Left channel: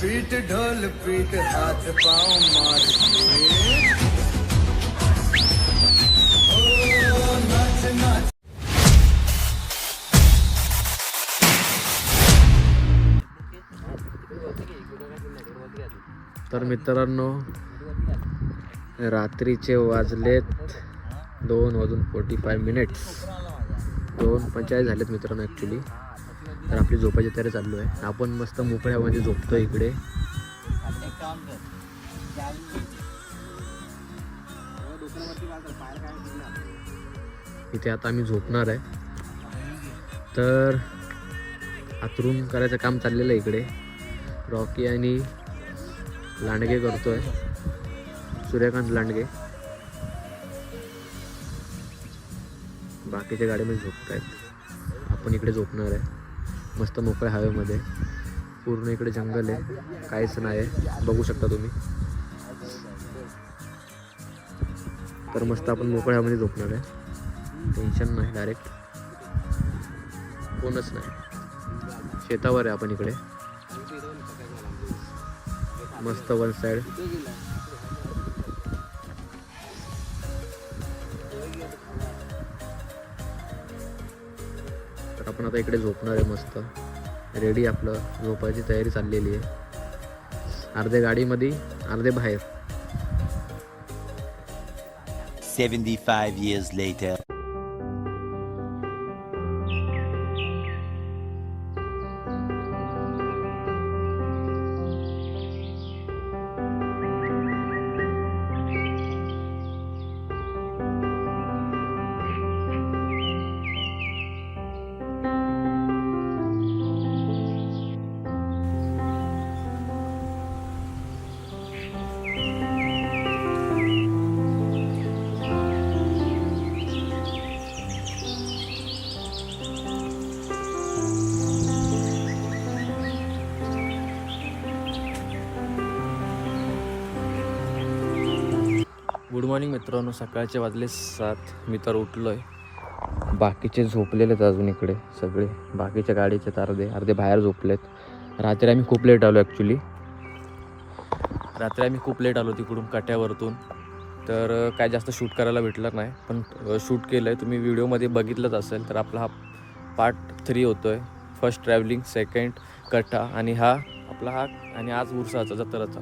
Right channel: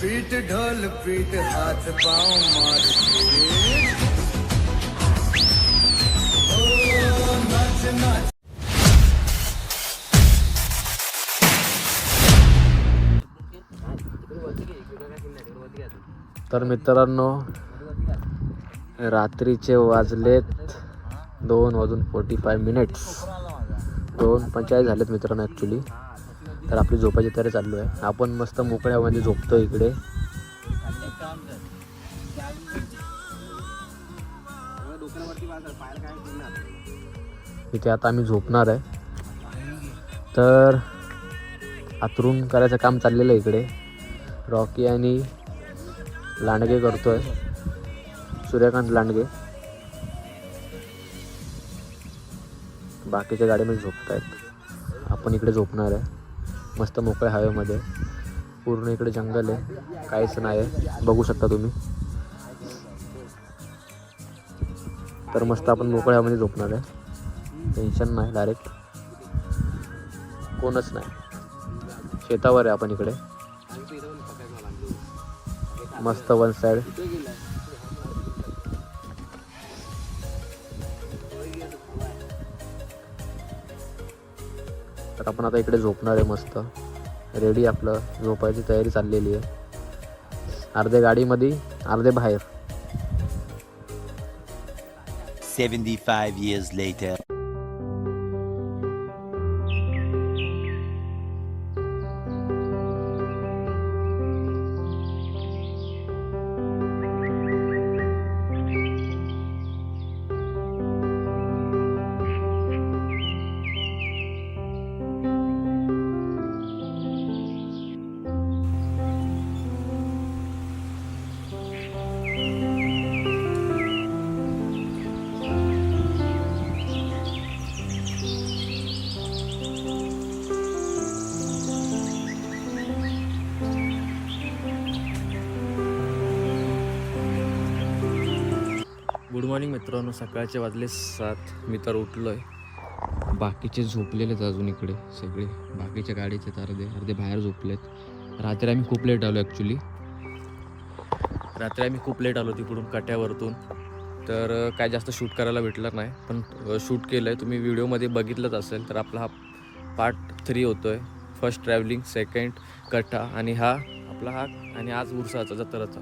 पीठ ढोल पीठ हाथ पाँव मार के। नाच नाच। तर मित्रांनो रात्रीचे वाजलेत दोन वाजून फोर्टी फाय मिनिट्स दोन पंचेचाळीस झालेत मित्रांनो ॲक्च्युली तर आपली झोपायची तयारी चालू आहे. आपण मस्त मोकळ्यामध्ये झोपतो इकडे. इथे आता आम्ही झोपणार आहे. तर आतरून करायचं काम चाललेलं आहे इकडे. रॉकी आणि लांडगे करतो आहे सूर्यकांत लांडगे. बाकीच्या गाड्यामध्ये झोपत आहेत आपण इकडे झोपणार आहे. मस्त मोकळ्या हवेमध्ये. पूर्ण इकडे जंगल आहे. काहीच नाही आहे. बघू शकता तुम्ही. तर मस्त आपण मोकळ्या हवेमध्ये झोपणार आहे. टेन्शन नाही डायरेक्ट कोणच नाही. शेतावर आहे आपण इकडे. मस्त वन साईड आपण आता इकडे झोपणार आहे मस्त. रेडी आपलं. झोपायची तयारी चाललेली आहे. अर्धे गाडीमध्ये अर्धे बाहेर. 75 years later. गुड मॉर्निंग मित्रांनो. सकाळचे वाजले सात. मी तर उठलो आहे बाकीचे झोपलेले आहेत अजून इकडे सगळे. बाकीच्या गाडीचे तर अर्धे अर्धे बाहेर झोपलेत. रात्री आम्ही खूप लेट आलो ॲक्च्युली रात्री आम्ही खूप लेट आलो तिकडून कट्यावरतून. तर काय जास्त शूट करायला भेटलं नाही. पण शूट केलं आहे तुम्ही व्हिडिओमध्ये बघितलंच असेल तर आपला हा पार्ट थ्री होतो आहे फर्स्ट ट्रॅव्हलिंग सेकंड कट्टा आणि हा आपला हा आणि आज उरसाचा जत्राचा.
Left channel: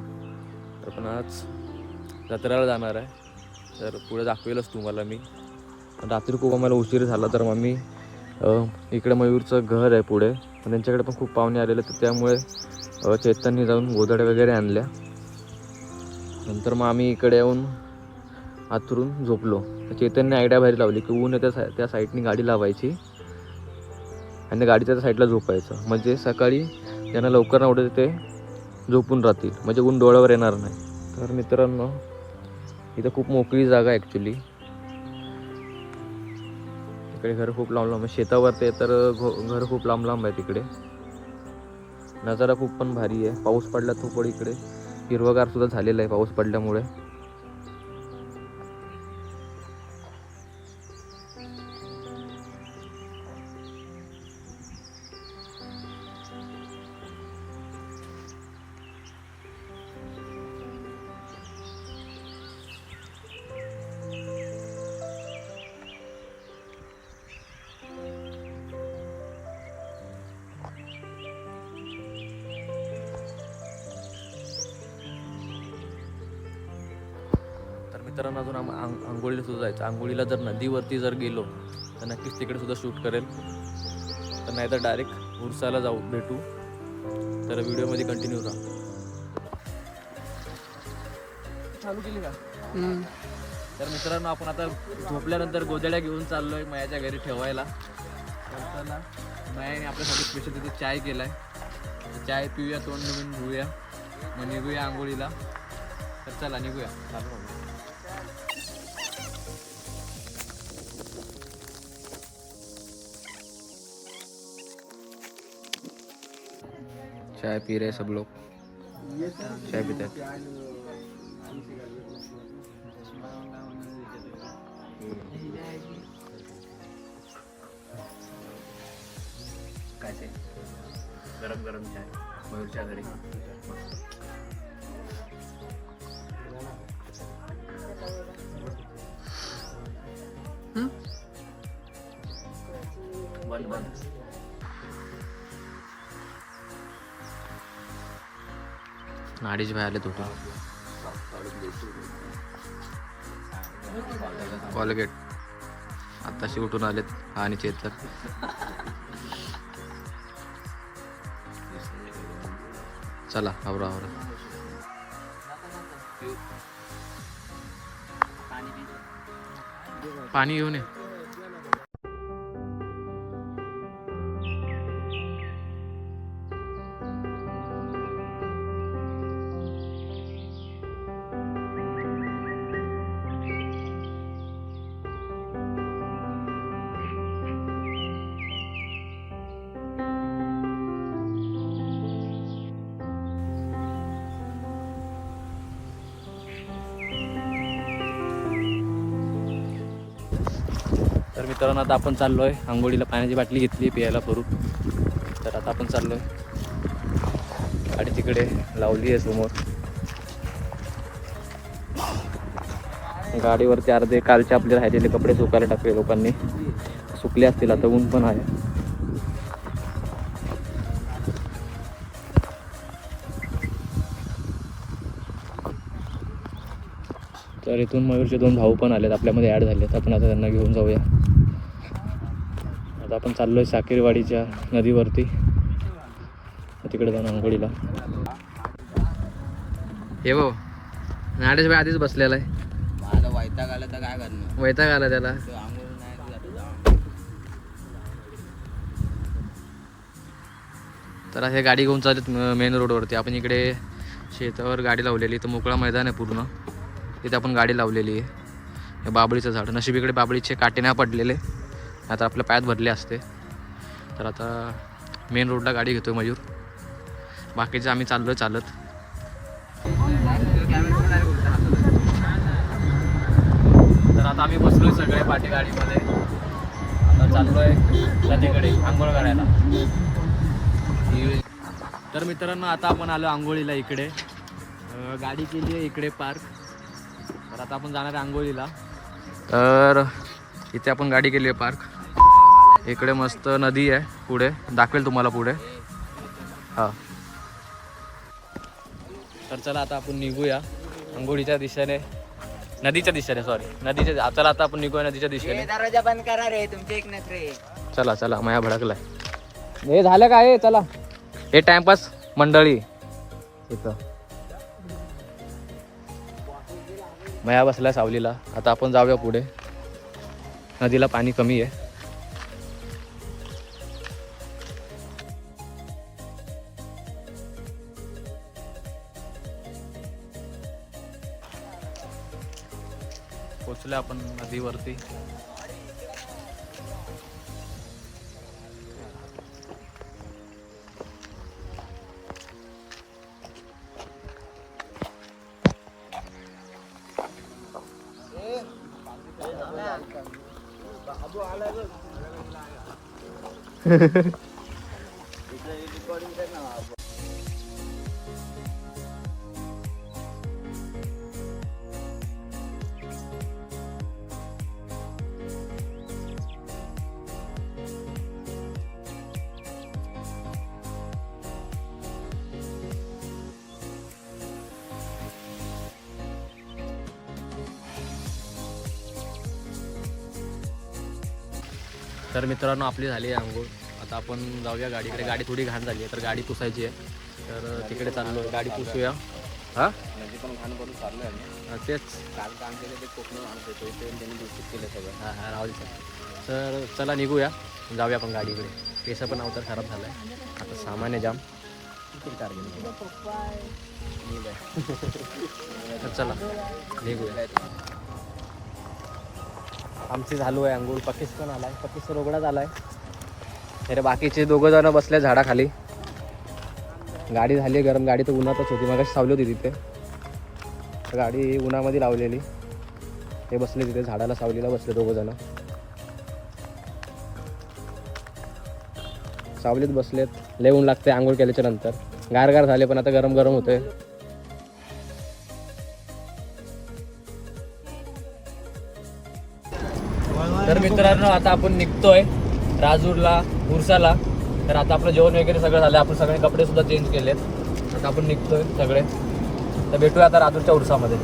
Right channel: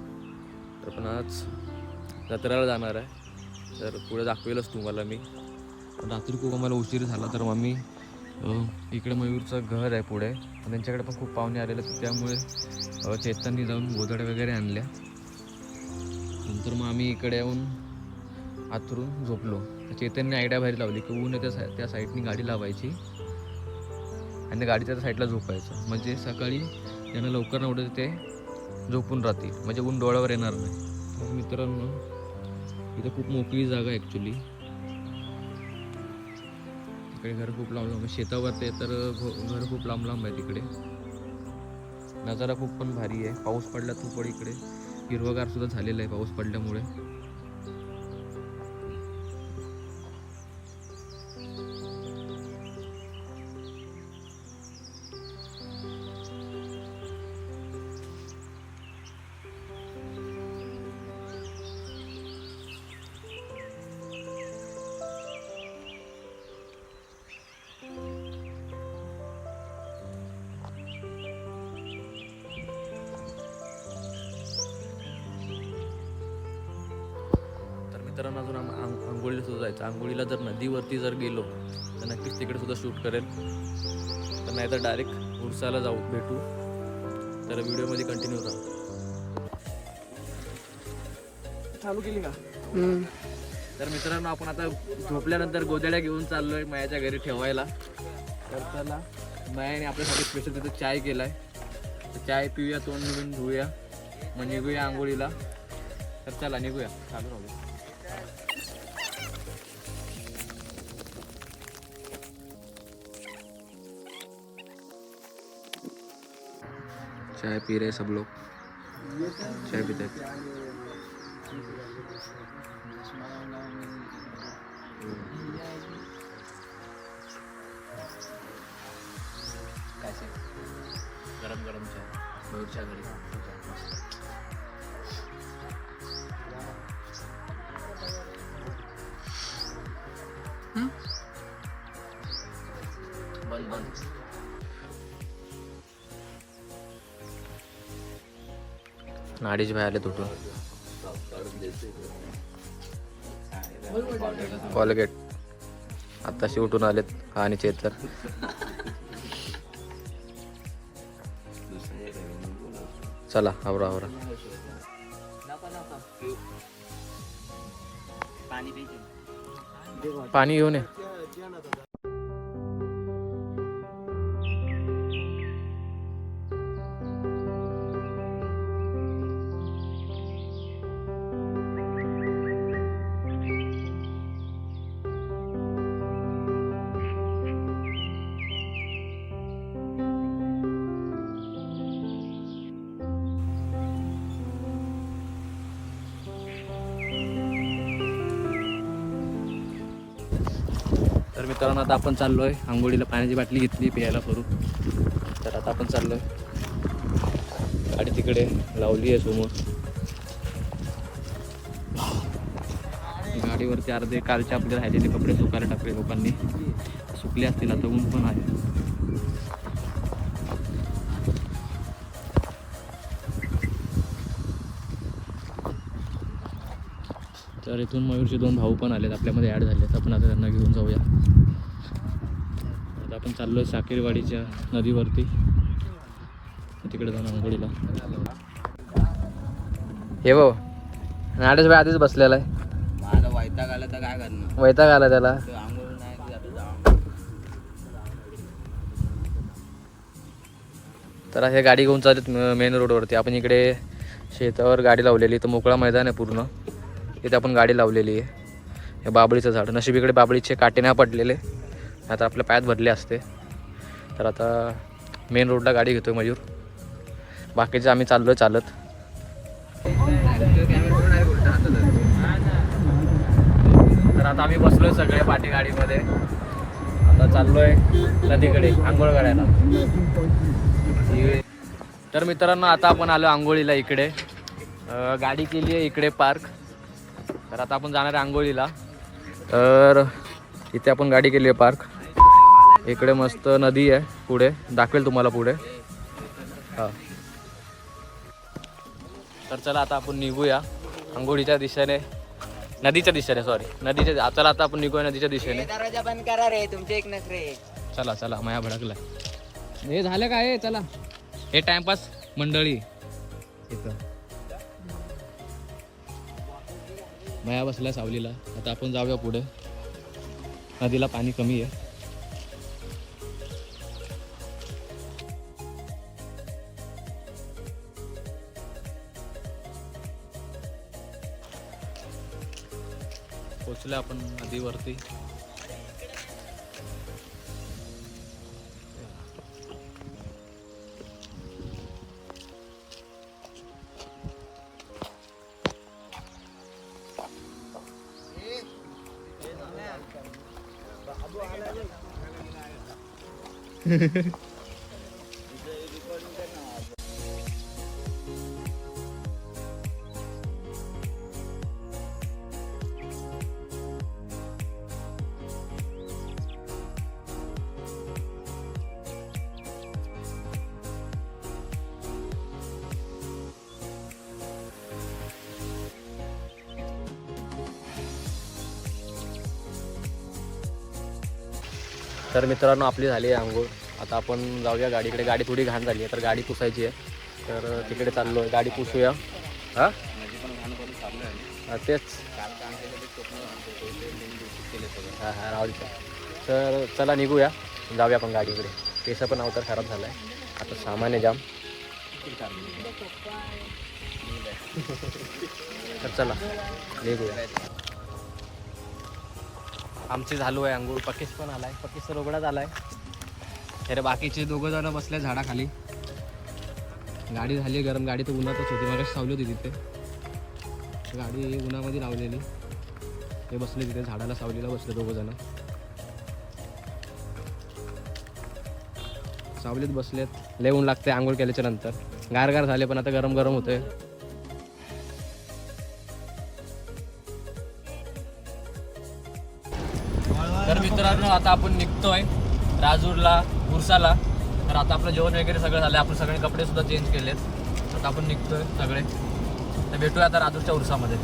तर पण आज जत्रेला जाणार आहे. तर पुढे दाखवेलच तुम्हाला मी. रात्री खूप आम्हाला उशीर झाला तर मग मी इकडे मयूरचं घर आहे पुढे. त्यांच्याकडे पण खूप पाहुणे आलेले तर त्यामुळे चेतननी जाऊन गोधड्या वगैरे आणल्या. नंतर मग आम्ही इकडे येऊन आथरून झोपलो. चेतनने चैतन्य आयडिया बाहेर लावली की ऊन त्या सा त्या साईडनी गाडी लावायची. आणि त्या गाडीच्या त्या साईडला झोपायचं. म्हणजे सकाळी त्यांना लवकर ना उठत ते झोपून राहतील. म्हणजे ऊन डोळ्यावर येणार नाही. तर मित्रांनो इथं खूप मोकळी जागा आहे ॲक्च्युली इकडे घर खूप लांब लांब आहे. शेतावर ते तर घर खूप लांब लांब आहे तिकडे. नजारा खूप पण भारी आहे. पाऊस पडला खूप पण इकडे हिरवगार सुद्धा झालेला आहे पाऊस पडल्यामुळे. मित्रांनो अजून आम आंग आंघोळीला सुद्धा जायचं. आंघोळीला जर नदीवरती जर गेलो तर नक्कीच तिकडे सुद्धा शूट करेल. तर नाही तर डायरेक्ट उरसाला जाऊ भेटू. तर व्हिडिओमध्ये कंटिन्यू राहा चालू केली का? तर मित्रांनो आपण आता झोपल्यानंतर गोदड्या घेऊन चाललोय मायाच्या घरी ठेवायला. तर चला मायाने आपल्यासाठी स्पेशल तिथे चाय केलाय. चाय पिऊया तोंड निघून घेऊया. मग निघूया आंघोळीला. तर चला निघूया. चालू चाय पी रहे सब लोग चाय पीते हैं गरम गरम चाय मयूरच्या घरी बंद बंद नाडीच भाई आले तुटून कॉलगेट आत्ताशी उठून आलेत हा आणि चेतर चला आवरा आवरा. पाणी घेऊन ये. तर मित्रांनो आता आपण चाललोय. आंघोळीला पाण्याची बाटली घेतली प्यायला करू तर आता आपण चाललोय. गाडी तिकडे लावली आहे समोर. गाडीवरती अर्धे कालचे आपले राहिलेले कपडे सुकायला टाकले लोकांनी. सुकले असतील आता ऊन पण आहे. तर इथून मयूरचे दोन भाऊ पण आलेत आपल्यामध्ये ॲड झालेत. आपण आता त्यांना घेऊन जाऊया. आता आपण चाललोय साकेरवाडीच्या नदीवरती. तिकडे जाऊन आंघोळीला. हे भाऊ नाडेश भाई आधीच बसलेला आहे. माझा वैताग आला तर काय करणार? वैताग आला त्याला. तो आंघोळ नाही की आता जाऊ तर हे गाडी घेऊन चालत मेन रोडवरती आपण इकडे शेतावर गाडी लावलेली तर मोकळा मैदान आहे पूर्ण. तिथे आपण गाडी लावलेली आहे. हे बाबळीचं झाड. नशीब इकडे बाबळीचे काटे नाही पडलेले. आता आपल्या पायात भरले असते. तर आता मेन रोडला गाडी घेतो मयूर. बाकीचे आम्ही चाललो चालत. तर आता आम्ही बसलोय सगळे पाठी गाडीमध्ये. आता चाललोय नदीकडे आंघोळ करायला. तर मित्रांनो आता आपण आलो आंघोळीला इकडे. गाडी केली आहे इकडे पार्क. तर आता आपण जाणार आहे आंघोळीला. तर इथे आपण गाडी केली आहे पार्क. इकडे मस्त नदी आहे पुढे. दाखवेल तुम्हाला पुढे. हां. तर चला आता आपण निघूया. आंघोळीच्या दिशेने. नदीच्या दिशेने सॉरी नदीच्या चला आता आपण निघूया नदीच्या दिशेने. बंद करा रे तुमचे एक नखरे चला चला. माया भडकलाय. हे झालं काय चला. हे टाइमपास मंडळी. इथं. मया बसलाय सावलीला. आता आपण जाऊया पुढे. नदीला पाणी कमी आहे. पोचलो आपण नदीवरती. मित्रांनो आपली झाली आहे आंघोळ. आता आपण जाऊया गाडीकडे. गाडी थोडी घाण झाली आहे तर गाडी पुसायची आहे. तर तिकडे चाललो आहे गाडी पुसूया. हां? तेच. हां हां राहू दे. तर चला निघूया. जाऊया आपण गाडीकडे. केस पण अवतार खराब झाला आहे आता सामान्य जाम. तर चला निघूया. आमची झालो आहे अंघोळ पकेश पण आलाय. पकेश तर उघडाच आलाय. अरे बाकीचे दोघं जण बसले झाडाखाली. गाडी झाली गरम. गाडी तर उन्हातच होती. मग सावली होती तिथे. तर गाडी उन्हामध्ये लावलेली. ते बसले तिथे. झाडाला सावलीला बसले दोघं जण. सावलीत बसलेत. लय ऊन लागते आंघोळ केल्याच्यानंतर. गार गार झाले पण आता गरम गरम होतंय. आता आपण निघतोय राजूरला बुरसाला. तर आता आपलं जेवण वगैरे सगळं झालं. आपण सगळे कपडे सुद्धा चेंज केले आता आपण निघतोय सगळे. तर भेटूया आता राजूरच्या उरसामध्ये.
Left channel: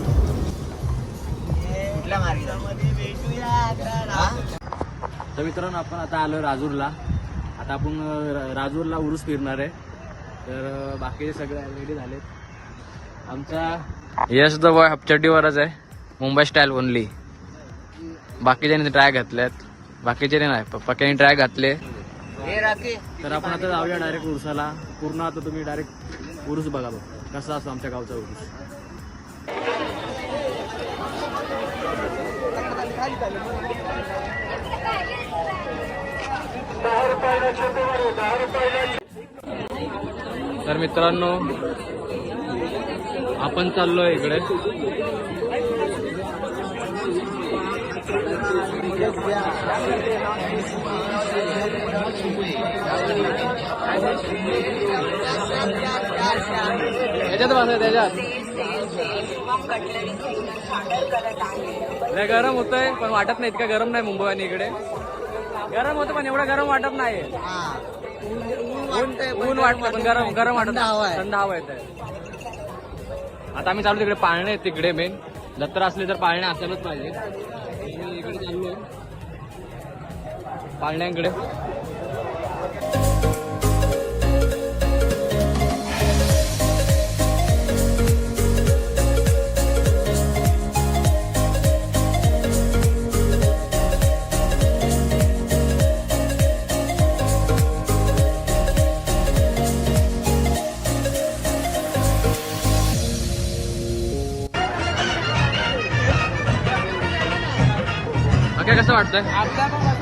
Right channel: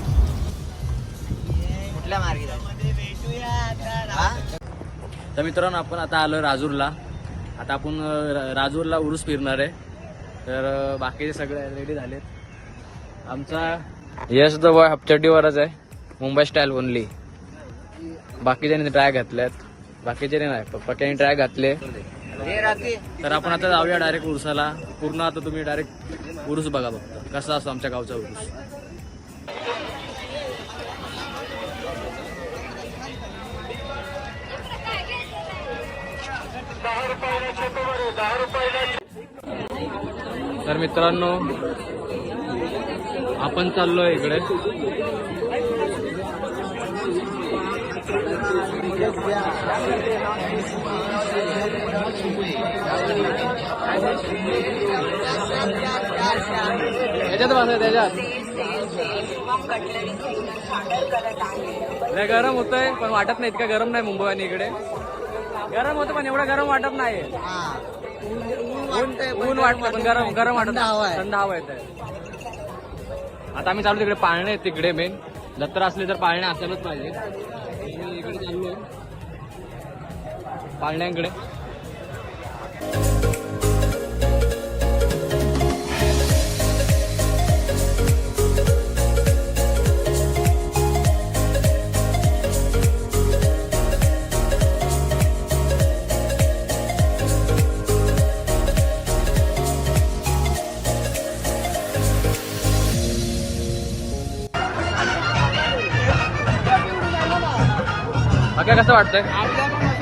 तर मित्रांनो आपण आता आलो राजूरला. आता आपण राजूरला उरूस फिरणार आहे. तर बाकीचे सगळे रेडी झालेत. आमचा यश द बॉय हपचड्डीवरच आहे. मुंबई स्टाईल ओनली बाकीच्यांनी ट्राय घातल्यात. बाकीचे नाही प- पक्याने ट्राय घातले. तर आपण आता जाऊया डायरेक्ट उरसाला. पूर्ण आता तुम्ही डायरेक्ट उरूस बघा फक्त. कसा असतो आमच्या गावचा उरूस. तर मित्रांनो आपण चाललोय इकडे. याच्यात बसा त्याच्यात. नाही गरम होतंय पण वाटत नाही इतकं गरम नाही मुंबई आणि इकडे. गरम होतं पण एवढं गरम वाटत नाही. ऊन ऊन वाटतं पण गरम गरम वाटत नाही. थंड हवा येत आता आम्ही चालू तिकडे पाळणे आहेत तिकडे मेन जत्रा असली तर पाळणे असायलाच पाहिजे मी इकडे चाललो पाळण्यांकडे. कसं वाटतंय?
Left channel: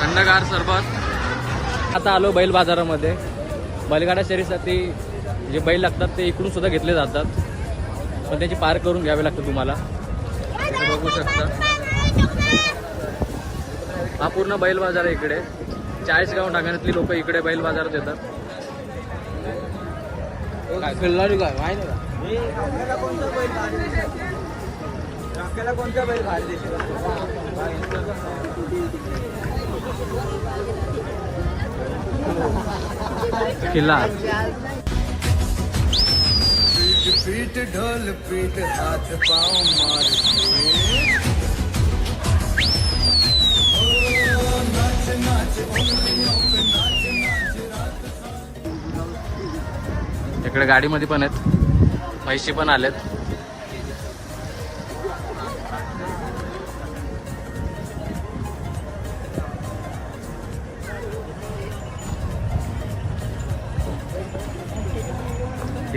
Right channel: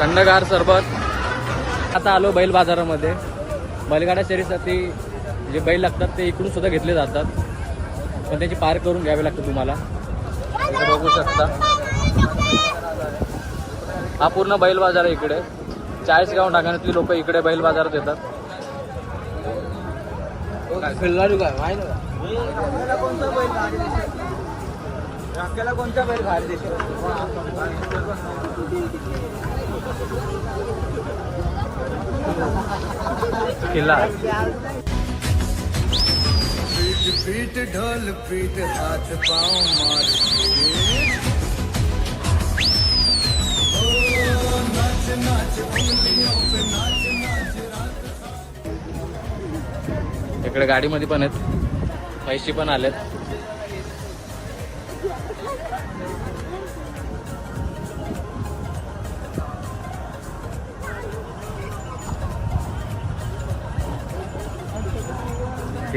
थंडगार सरबत. आता आलो बैल बाजारामध्ये. बैलगाडा शरीरसाठी जे बैल लागतात ते इकडून सुद्धा घेतले जातात. पण त्याची पार करून घ्यावे लागतं तुम्हाला. बघू शकता. हा पूर्ण बैल बाजार आहे इकडे. चाळीसगाव नागाण्यातली लोक इकडे बैल बाजारात येतात. कोणत्या बैल भारी किल्ला. पीट पीट ढोल पीट हाथ पाँव मार के ओ, नाच नाच उंगलियों पे नाच नाच रात इकडे गाडीमध्ये पण आहेत. म्हैशी पण आलेत.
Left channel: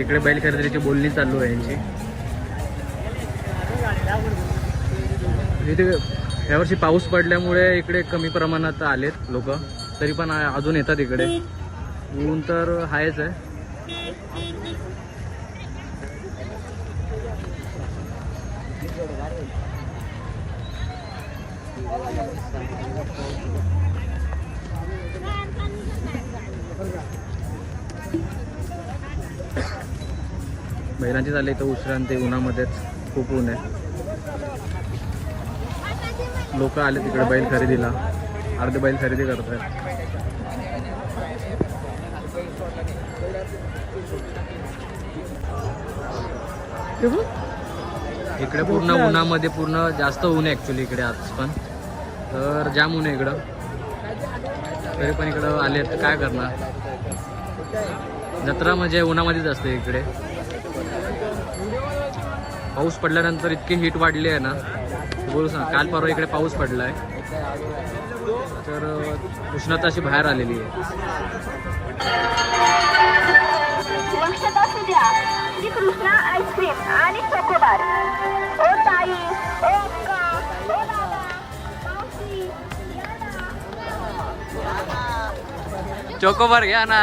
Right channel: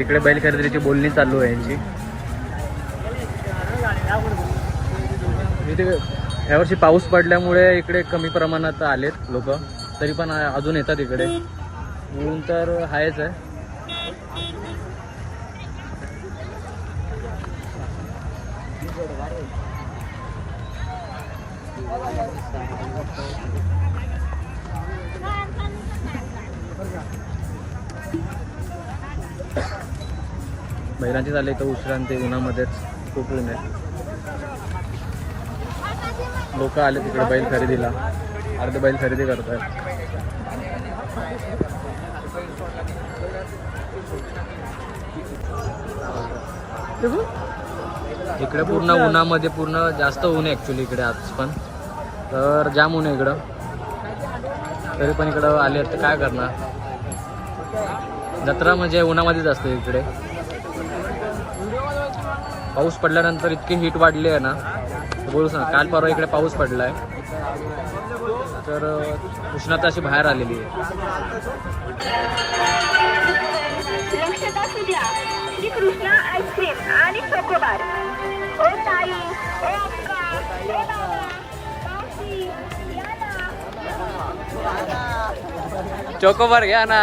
इकडे बैल खरेदीची बोलणी चालू आहे यांची. इथे यावर्षी पाऊस पडल्यामुळे इकडे कमी प्रमाणात आलेत लोक. तरी पण अजून येतात इकडे. ऊन तर आहेच आहे. महिलांची झाले तर उसरांती उन्हामध्येच खूप ऊन आहे. लोक आले तिकडे बैल खरेदीला. अर्धे बैल खरेदी करत आहेत इकडे पूर्ण उन्हामध्ये पूर्ण जास्त ऊन आहे ॲक्च्युली इकडे आज पण. तर जाम ऊन आहे इकडं. तरी पण इकडं आले तर काय करणार? जत्रा म्हणजे उन्हामध्येच असते इकडे. पाऊस पडल्यानंतर इतकी हीट वाढली आहे ना बोलू सांग काल परवा इकडे पाऊस पडलाय. तर उष्णता अशी बाहेर आलेली आहे. चोकोबार घ्या ना.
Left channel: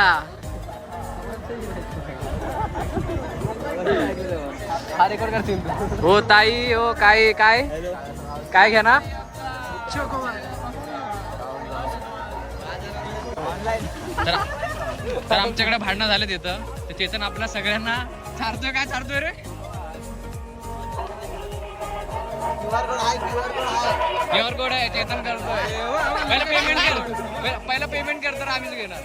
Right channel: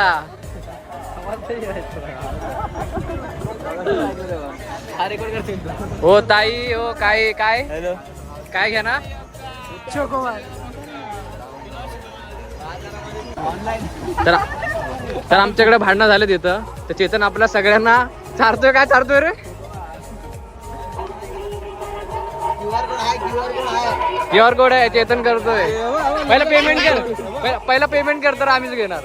हो ताई हो काय काय? काय घ्या ना? तर तर आमच्याकडे भांडणं झाले तिथं तर चेतन आपल्या सगळ्यांना चारतोय काय? चारतोय रे? क्यू आर कोड आहे. चेतन करतोय. पहिला पेमेंट कर. पहिला- पहिला पेमेंट कर तर आम्हीच घेणार.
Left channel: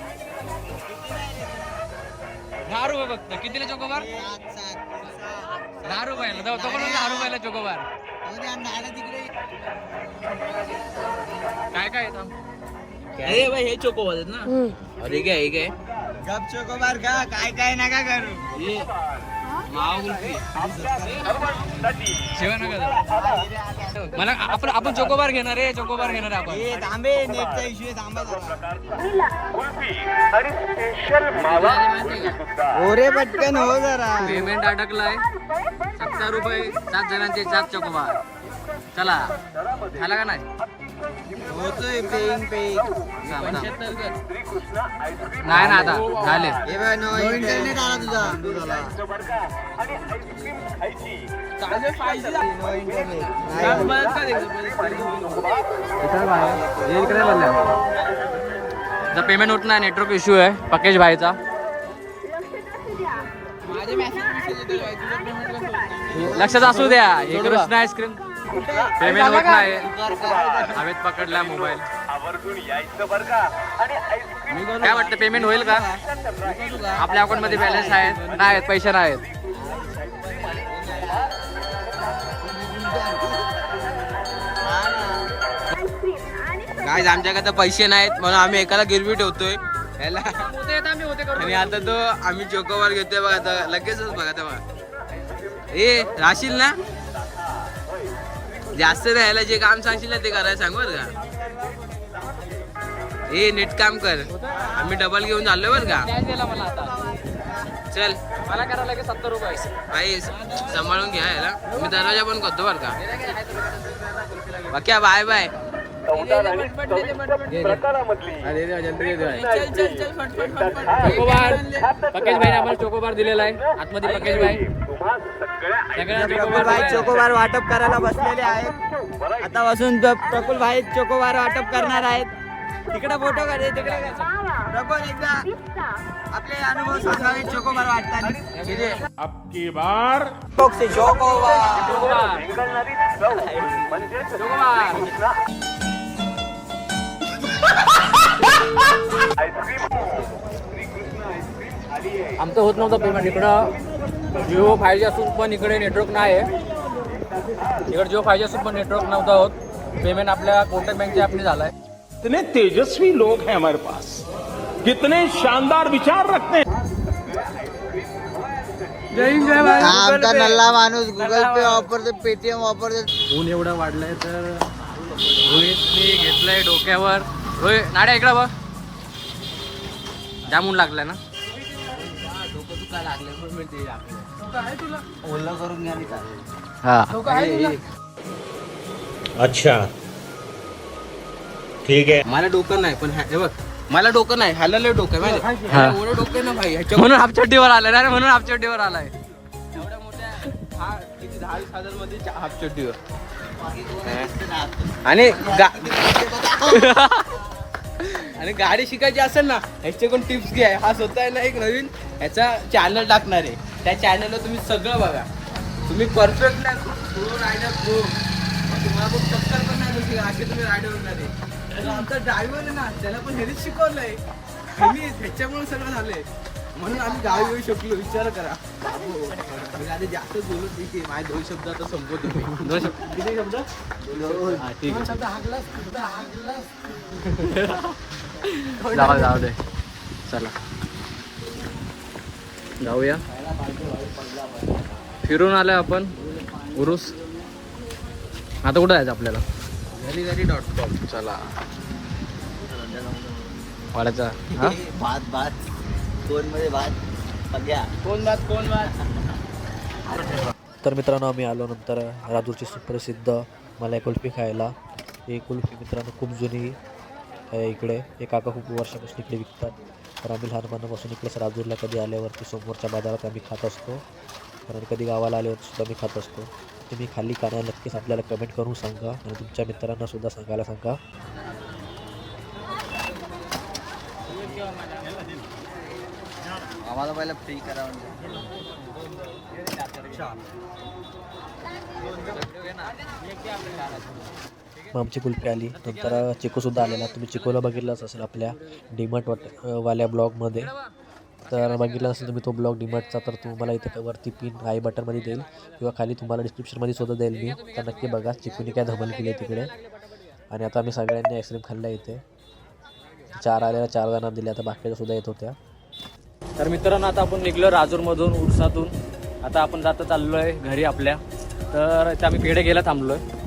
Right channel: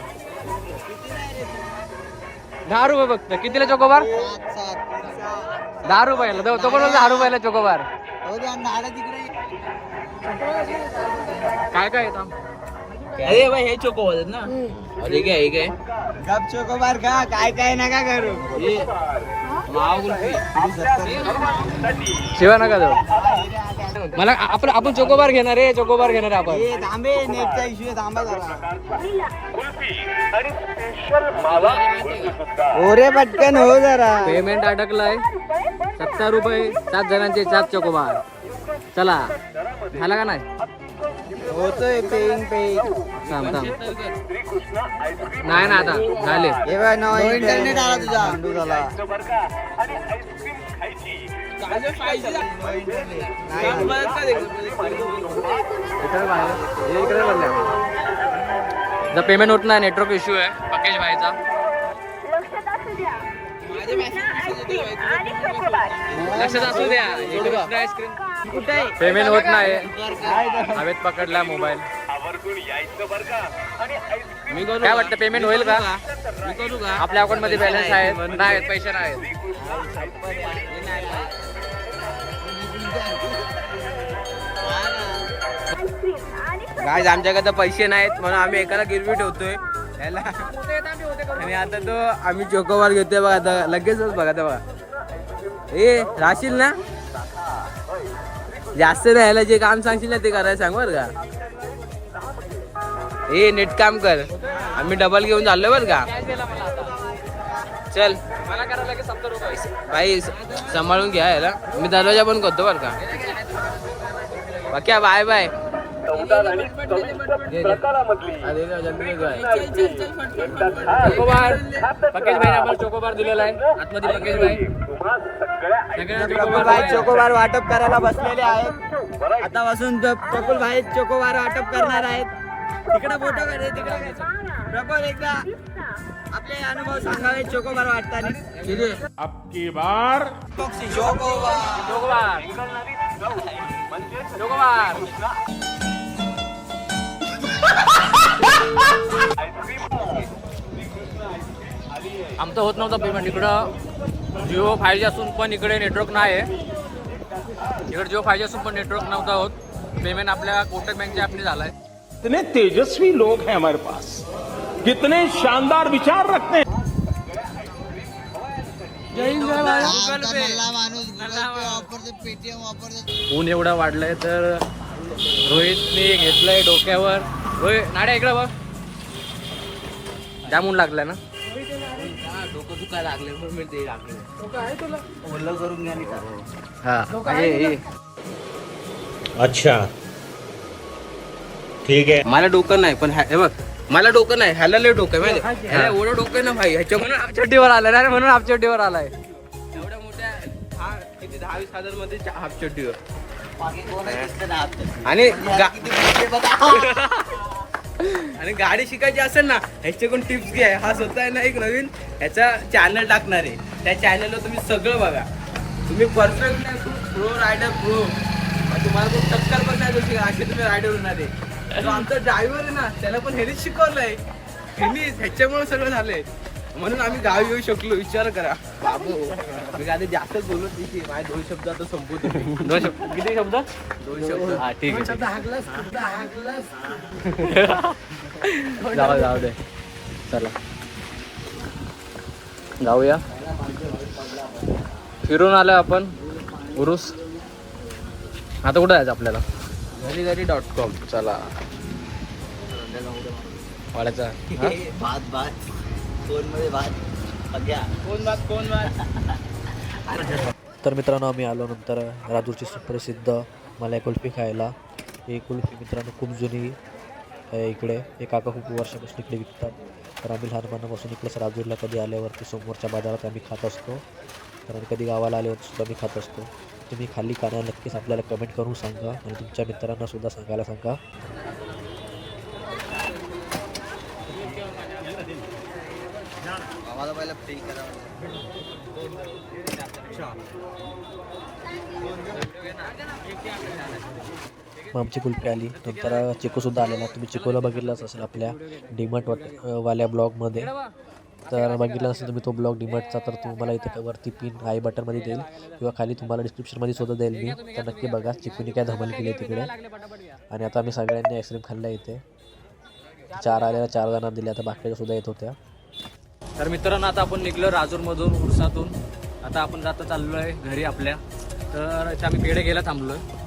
दहा रुपये फक्त कितीला चोकोबार? दहा रुपयाला तो- तो पण बोलतो दहा रुपयाला चोकोबार. काय काय येतं? अरे भाई हे चोको होतात ना. अरे काय हे काय गप चोकोबार का काय काय नका करू. मावा शिवा नका देऊ. मला आपण आपण चोकोबार घेणार आहे चोकोबार घेणार आहे आपण. हे थांबे नेटचा इश्यू थांबा जरा. ओरे पटकन हो जरा. पेमेंट अडकलाय. सत्तर रुपये सात जणांचे सात चोकोबार. चला. झाला का नाही? होतोय पेईंग पेईंग थांब थांब. नाही ना आता झाले. इंटरनेट आला तुझा. झाला. पेमेंट होत नाही नेटवर्क इश्यू आहे पकेश भाईचा. लक्षात असू द्या हे कृष्ण आईस्क्रीम पेमेंट होत नाही. हवेत पकडला मोबाईल काय वाटतं पेमेंट होईल का? आपल्या अकाउंटमध्ये बॅलन्स आहे. नाही पैसे नाही गाय आमच्याकडे तर पैसे नाहीत म्हणून आम्ही एकाला गिरवी ठेवतोय. याला आणि आता तो आम्ही चोकोबार घेतोय बघा आता लगेचच बघा आता बघा. ए राशील ना? जास्त नाही याला जे काम सांगशील ना ते करायला सांग बर का. ए नीट काम कर. आम्ही डबल घेऊन चाललोय बर का. चल. भाई सांभाळून घ्या याला. मी दरवाजा पण करतो बरं का. बाकी बाय बाय. चोकोबार दिलेला आहे. आतमध्ये पकेश भाई सगळ्यांना चोकोबार भाई दिलाय. चोकोबार वाटप करायला बसलेले आहेत. आतापासून प्रफुल भाई चोकोबार वाटप करणार आहेत. तिकडे फोटो काढे तिकडे. एकदा आपले अनुभव सांगावे बार. आमचं होत नव्हतं पेमेंट इकडं. जिओ फाय जी असून पण इकडे नेटवर्क नाही आहे इकडे जिओ फाय जी असून पण नेटवर्क नव्हतं होत. पेमेंट आपल्या कोटक बँकच्या ॲपने झाला आहे कितने तेजस्वी लोग हैं हमारे पास। कितने शानदार विचार रखते हैं। आमचा नल्ला माणूस गुगल पे वापरतो पेटीएम वापरतो. ऊन एवढं वाढलंय तर रोहितने घेतलंय डोक्यावर. रोहित नाड्या इकडं बघ. जाम ऊन लागलाय ना. डोकं दुखा लागले म्हणून मी ते ओलं करून घ्या नाही हा. अच्छा. ठीक है मला डोकं नाही पण हे बघ मला डोकं नाही ह्याला लय डोकं आहे माहिती आहे? ह्याला एवढं डोकं आहे ना भाई ह्याच्या म्हणून हाफ चड्डीवर आलाय ना म्हणून हाफ चड्डीवर आलाय. एवढ्या मोठ्या हा किती दहा वीस हजारमध्ये हाफ चड्डीवर. आणि गा- आणि गाडी शिकायची असेल ना ह्याच्याकडून टिप्स घ्या. हा स्वतः आहे ना एक नवीन ह्याचा चॅनल टाकणार आहे. त्या चॅनलवर तुम्ही सगळं बघा. तुम्ही परफेक्ट प्रो रायडर प्रो तुम्हाला कोण टक्कर पण नाही देऊ शकत असे तुम्ही रायडर होणार आहे. जो आमचा ड्रायव्हर आहे ना त्याला पण ह्यानेच शिकवलंय. ह्यांनी ह्याच्यामुळे सगळं झालंय. म्हणून आम्ही गावी येऊ शकलो विचार करा. बाबू मी काय जास्त बोलत नाही की माझे दोन शब्द आता संपवतो मी. दोन शब्द किती शब्द? दोन शब्द. हा ठीक आहे जाऊ जाऊ दे. चला. जाऊया. फिरून आलोय आपण. उरुस. आता कुठं जायचं आपल्याला? घरी घरी डॉट कॉम चला. वाड्याचा हा? भात भात. कोणमध्ये भात. सगळ्या. कोण बात कोण बात तर मित्रांनो आम्ही आलो नंतर राजूरची सुप्रसिद्ध मलाई कुल्फी खायला. ही कुल्फी मित्रांनो खूप जुनी आहे इकडे. हे काका खूप वर्षापासून इकडे विकतात. तर आम्ही लहानपणापासून इकडेच राजूरला कधी आल्यावरती समोरच्या बाजारात आम्ही खात असतो. तर आणि कधी गावाला आल्यावरती सुद्धा मी खात असतो. तुम्ही खाली का नाही नक्कीच आपल्याला कमेंट करून सांगा आणि तुमच्या मित्रांना सुद्धा सांगायला सांगा. मग आमची कुल्फी आली. नंतर चिकूसुद्धा आलेला. तुम्ही चिकोला बघितलाच असेल आपल्या डीमार्ट वाट वाल्या ब्लॉगमध्ये तर बघितला असेल तुम्ही तो ब्लॉग डीमार्टचा तर तुम्हाला इथे वरती पिन आय बटनमध्ये देईल किंवा खाली तुम्हाला डिस्क्रिप्शनमध्ये सुद्धा देईल मी. तर नक्की बघा चिकूनी काय धमल केली आहे तिकडे. आणि आता आम्ही सगळ्यांनी आईस्क्रीम खाल्लं इथे. चार आलेल्या चार जणांना दिल्या आता बाकीच्या सुद्धा येत होत्या. तर मित्रांनो आता आपण निघलो राजूरमधून उरसातून. आता आपण जाता चाललो आहे घरी आपल्या. तर आम्ही पेढे घ्यायला थांबलो आहे